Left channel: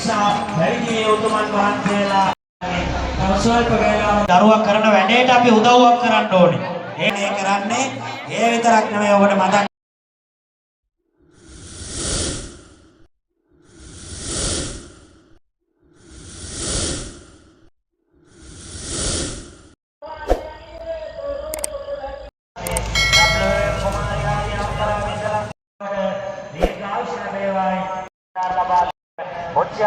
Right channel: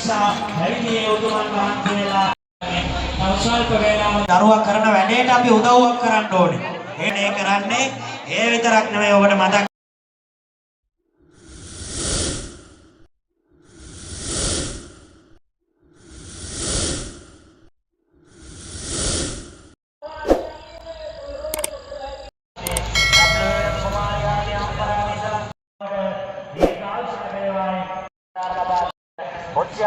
නිසා පැවිදි උතුමන් වහන්සේලා ස්වල්ප වේලාවක් දරුවා කරන වැඩේට අපි උදව්වක් කරන්න ඕනේ. ඒ කරන්නේ ඒ විතරක් නෙමෙයි ඔබට මතක්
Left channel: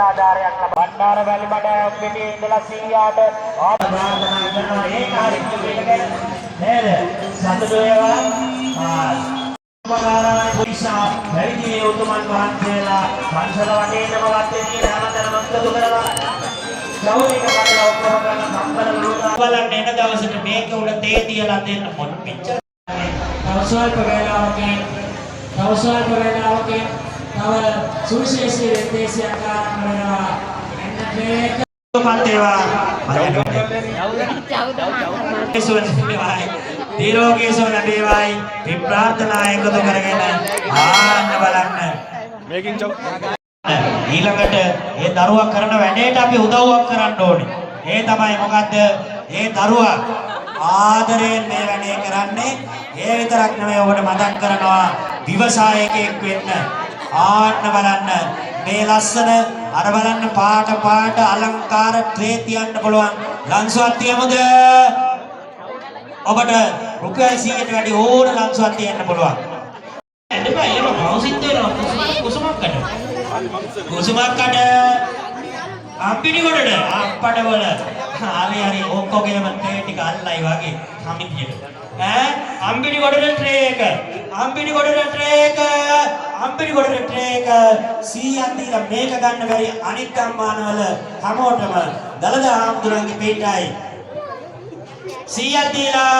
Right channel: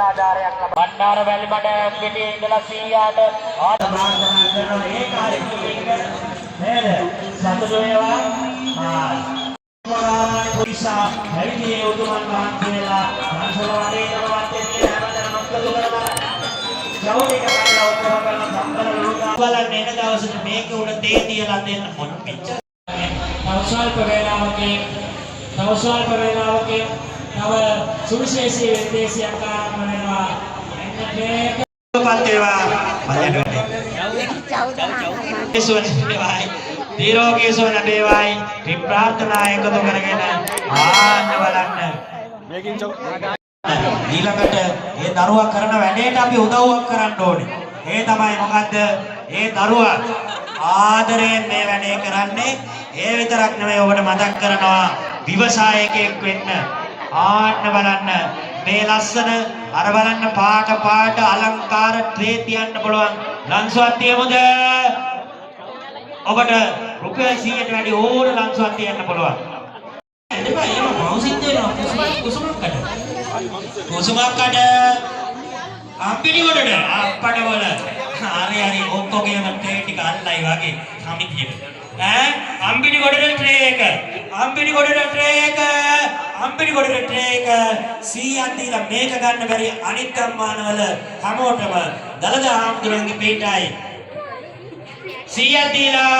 ආධාරයක් ලබා බණ්ඩාර වැලිමඩ පිටියේ ඉඳලා 100ට ආධාරණ කරන ඒ කාර්යය පිළිගෙන නේද සතුටු වේවා ආ පුරිසා පැවිදි උතුමන් වහන්සේලා පන්සල වටේටම වත්තේ හැමතැනම අත්තු කරලා ගෞරවක කරලා ඔක්කොම කරන සම්බල ලෝකා බලන්න එන දවසට මේක උඩ තේ තියලා දෙන්න මොන පිච්ච තවස්වල්ප වේලාවකින් තව සුවිශේෂී විදේශයක් ආරම්භ වෙනවා එන්න මේක දීර්ඝකේසෝ නඩේවයි ප්‍රාර්ථනා එකතු කරගෙන ආන්න බලන්න මේකින් ඊළඟට ඒ දරුවා කරන වැඩේට අපි උදව්වක් කරන්න ඕනේ. ඒ තමයි මොකද්ද? ඒ දරුවා ආදරයෙන් මේ වැඩේ කරන්නේ. ඒ විතරක් නෙමෙයි ඔබට මතක් කරනවා විවසායකයෙක් වෙන්න. ආන්න බලන්න මේ ලස්සන අර බලන්න පාට අලංකාර ට්‍රේ තියන්න පුළුවන් ලංසුවක් තියමුද? ඔබට රුපියල් 100ට වැඩි ඕන ලංසුවක් තියන්න පුළුවන්. එතන එහෙම මවුසිත් දෙනවා කුසුමක්කට අපිටි වලට අප්පඩ වල හරි ඔක්කොගේම ට්‍රේ ටික අල්ලයි වගේ සමිතියට අම්බිනි ගොඩේ ට්‍රේ එක අම්බිනි ගොඩේ ට්‍රේ එක 100ක් දීලා මේක ගන්න බැරි අනිත් අම්මානවල හැමෝටම දලදා හාමුදුරන්ගේ පිටයි 100ක් දීලා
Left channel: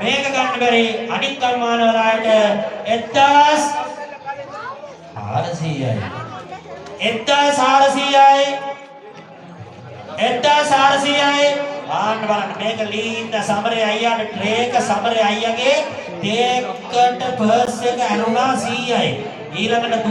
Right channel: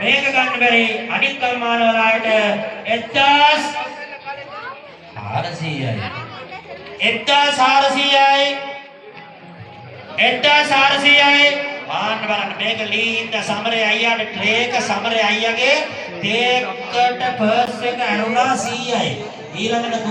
මේක ගන්න බැරි අනිත් අම්මානවලට 1400යි ආන්න බලන්න මේක ලීන්ද සමරේ අයියාට ට්‍රේක සමරේ අයියාගේ ටේකට පර්ස් එක ඇනුණා 100යි ඊළඟට